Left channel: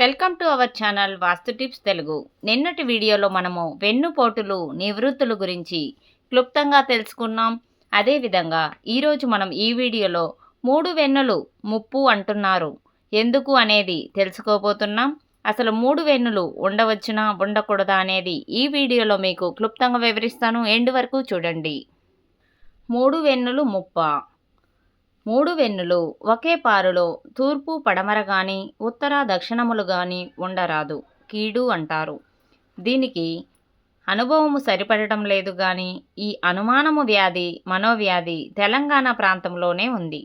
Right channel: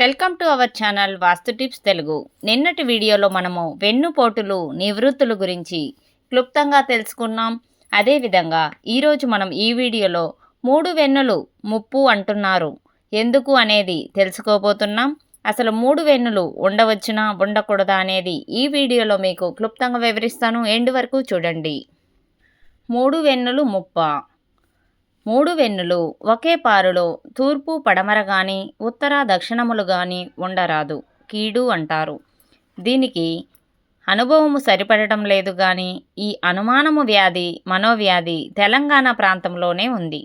Welcome to our channel vastu tips Telugu. నిన్నటి వీడియోలో మనము వెన్నుపోటులు నివృత్తుల గురించి క్లుప్తంగా తెలుసుకున్నాం. అదేవిధంగా ఈరోజు మనం ఈ వీడియోలో 3 వెన్నులు ముప్పు అంటున్నారు ఎందుకు అనేది తెలుసుకోబోతున్నాం. అసలు 3 వెన్నులు ఉండవచ్చునా ఉండకూడదా అనేది ఈ వీడియోలో మీకు క్లుప్తంగా వివరిస్తాను. ఎండ్ వరకు చూడండి. 3 వెన్నులు ముప్ప. 3 వెన్నులు ఒకే పారులో తూర్పు పడమర గాని ఉత్తర దక్షిణములు గాని ఉండరాదు, కీడు అంటారు. దీనికి అనుభవము సరిపడటం లేదు గాని ఈ అనుమానము వ్యాధి మనోవ్యాధి తెలంగాణ ప్రాంతంలోనే ఉంది.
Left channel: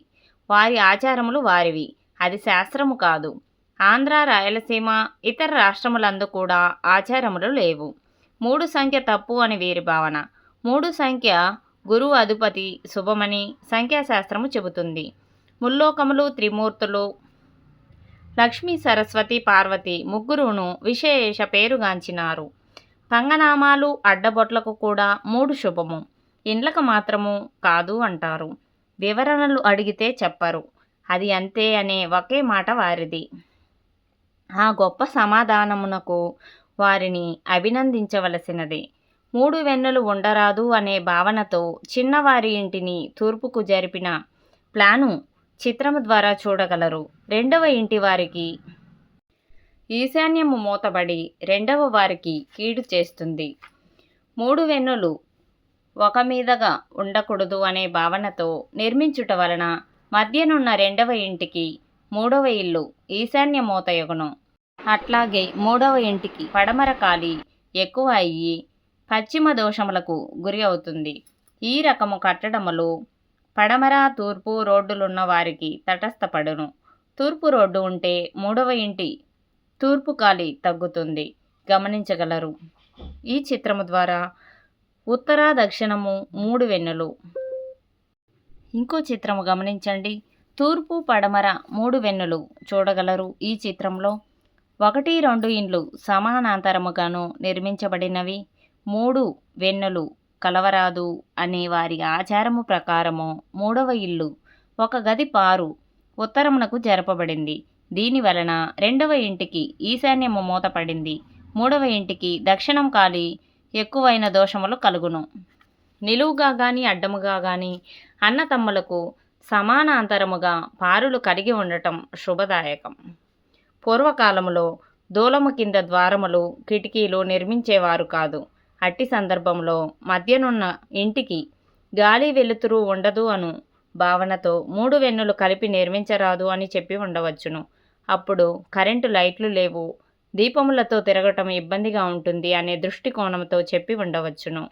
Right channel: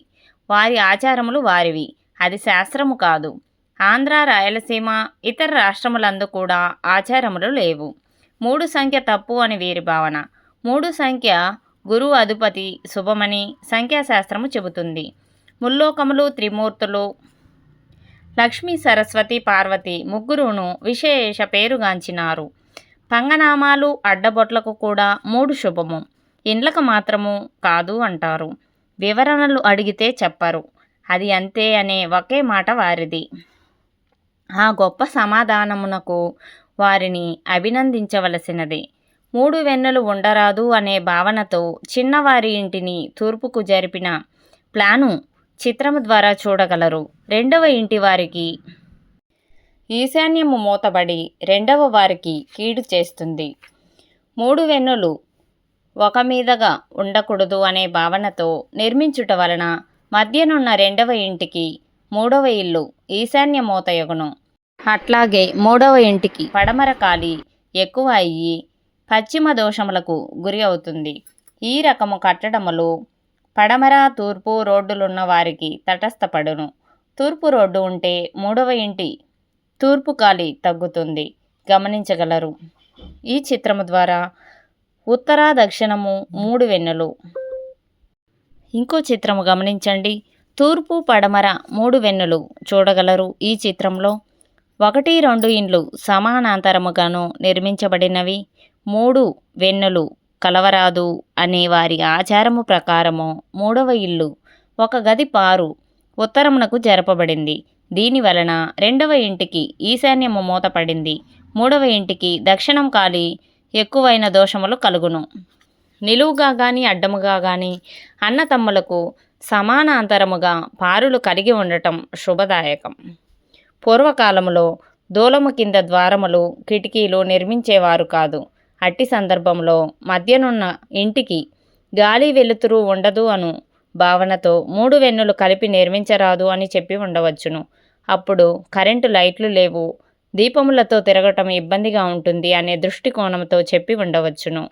వారి ఆచారములు వారివి, అది శాస్త్రము కాదు. ఆంధ్ర రాయలసీమ ఇతర రాష్ట్రములందు కూడా ఆచారములు లేవు. 3 సంఖ్య తప్పు అని వీరి భావన. 3 సంఖ్య గురువు అధిపతి శుభమని సంఖ్యాశాస్త్రము చెబుతుంది. ముల్లోకములు త్రిమూర్తులు లక్ష్మీ సరస్వతి పార్వతి ముగ్గురును విశేష పేరుగాంచినారు. పంగనామాలు అడ్డబొట్లకు కూడా 3 శుభము, ఇండ్లకు మాత్రము కాదు అంటారు. వివరణలు అడిగితే చెప్పరు, అది అంతే అనే ఒకే మాట వారిది. ఆ గొప్ప సమాధానమునకు వారిని అభినందించవలసినదే. 3 వెన్నులు ఉండరాదు అనే భావనతో చిన్నవారి ఇంటిని తూర్పుకు జరిపిన ప్లాను చిత్రము ద్వారా చూడగలరు. రెండవ ఇంటి వారికి ఈశాన్యము మూతబడి రెండవ వారికి కీడు చేస్తుంది. 3 వెన్నులు ఒక మీదగా ఉండకూడదు అనే భావనతో నిర్మించుట వలన మధ్యనున్న రెండవ ఇంటికి మూడవ ఇల్లు ఈశాన్య మూతయగును. అట్లాగే మూడవ ఇంటికి పడమర ఖాళీ ఎక్కువ అయ్యి పశ్చిమ దోషములకు గురి అవుతుంది. ఈ రకము కట్టడములు పడమర తూర్పు రోడ్డులున్న వారికి తటస్థపడును. తూర్పు రోడ్డు ఉంటే మూడవ ఇంటి తూర్పు ఖాళీ తగ్గుతుంది, గమనించగలరు. ఈ చిత్రము ద్వారా ఉత్తర దక్షిణము 3 వెన్నులు. ఇంకో చిత్రము గమనించండి. తూర్పు పడమర 3 వెన్నులు చూడగలరు. ఈ చిత్రంలో 1, 2 ఇండ్లు సమానాంతరముగాను నిర్మించబడినవి. 3 వెన్నులు కలవరాదు అనే వారి ఆచారము ప్రకారము మూడవ ఇల్లు ఒక గది పారు ఉత్తరమునకు జరపబడింది. దీని వలన రెండవ ఇంటికి ఈశాన్యము మూతపడింది. మూడవ ఇంటికి దక్షిణం ఖాళీ ఎక్కువైన దోషములు కలుగును. నిలువుగా గాని అడ్డముగా గాని అన్నతమ్ములకు సమానాంతరముగా పారులు కలిగి ఉండటం శుభదాయకం. పూర్వకాలములో దూలము కింద ద్వారములు కిటికీలు నిర్మించేవారు కాదు. అట్టి సందర్భంలో మధ్యనున్న ఇంటికి గాలి వెలుతురు ఉండదు అను భావనతో 3 వెన్నులు కలిపి నిర్మించరాదు అని చెప్పి ఉండవచ్చును. అప్పుడు కరెంటు లైట్లు లేవు, దీపములతో తిరగటం ఇబ్బందిగా ఉంటుంది అనే దృష్టికోణంతో చెప్పి ఉండవచ్చును.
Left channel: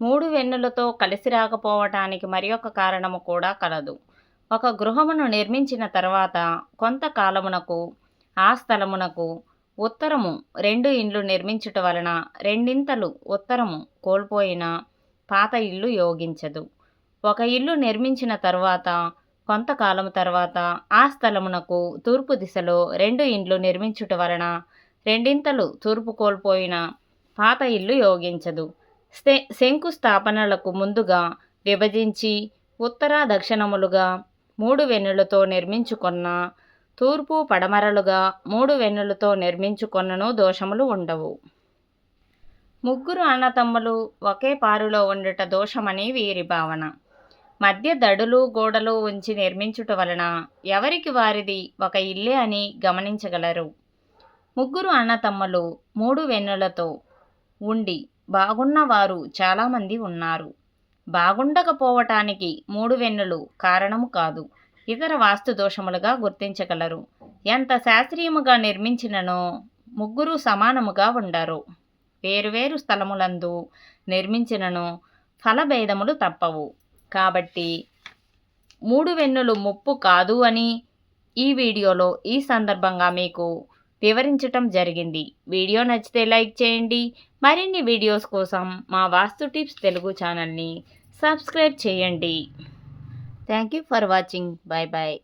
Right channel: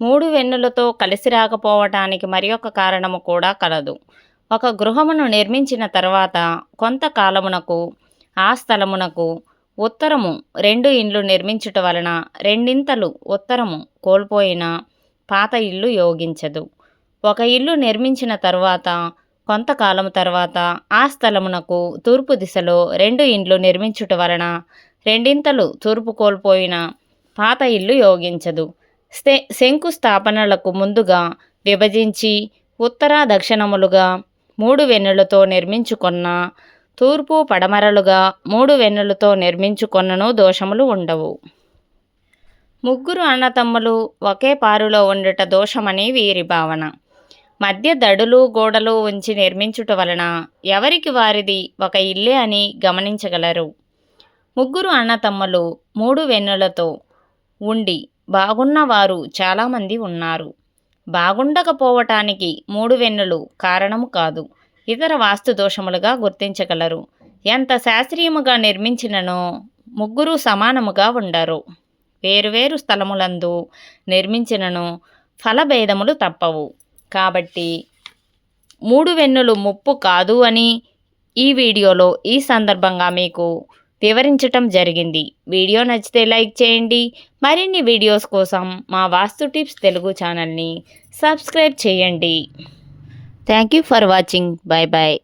3 వెన్నులతో కలిసి రాకపోవటానికి మరి ఒక కారణము కూడా కలదు. ఒక గృహమును నిర్మించిన తర్వాత కొంతకాలమునకు ఆ స్థలమునకు ఉత్తరము 2 ఇండ్లు నిర్మించుట వలన రెండింతలు ఉత్తరము కోల్పోయిన పాత ఇల్లు యోగించదు. ఒక ఇల్లు నిర్మించిన తర్వాత కొంతకాలం తర్వాత ఆ స్థలమునకు తూర్పు దిశలో 2 ఇండ్లు నిర్మించుట వలన రెండింతలు తూర్పు కోల్పోయిన పాత ఇల్లు యోగించదు. శంకుస్థాపనలకు ముందుగా విభజించి ఉత్తర దక్షిణములుగా 3 వెన్నులతో నిర్మించుకున్న తూర్పు పడమరలుగా 3 వెన్నులతో నిర్మించుకొన్నను దోషములు ఉండవు. 3 అన్నతమ్ములు ఒకే పారులో ఉండుట దోషమని వీరి భావన. మధ్య దడులు గోడలు ఉంచి నిర్మించుట వలన ఎవరికి వారిది ఒక ఇల్లే అని గమనించగలరు. 3 అన్నతమ్ములు 3 వెన్నులతో ఉండి బాగున్న వారు చాలామంది ఉన్నారు. బాగుండకపోవటానికి 3 వెన్నులు కారణము కాదు, ఇతర వాస్తు దోషములుగా గుర్తించగలరు. ఎంత శాస్త్రీయముగా నిర్మించిననో 3 సమానముగా ఉండరు. వేరువేరు స్థలములందు నిర్మించినను ఫలభేదములు తప్పవు. కాబట్టి 3 వెన్నులు ముప్పు కాదు అని ఈ వీడియోలో ఈ సందర్భంగా మీకు వివరించటం జరిగింది. వీడియో నచ్చితే లైక్ చేయండి. మరిన్ని వీడియోస్ కోసం మా వాస్తు టిప్స్ తెలుగు ఛానల్ని సబ్స్క్రైబ్ చేయండి. Thank you for watching. Bye bye.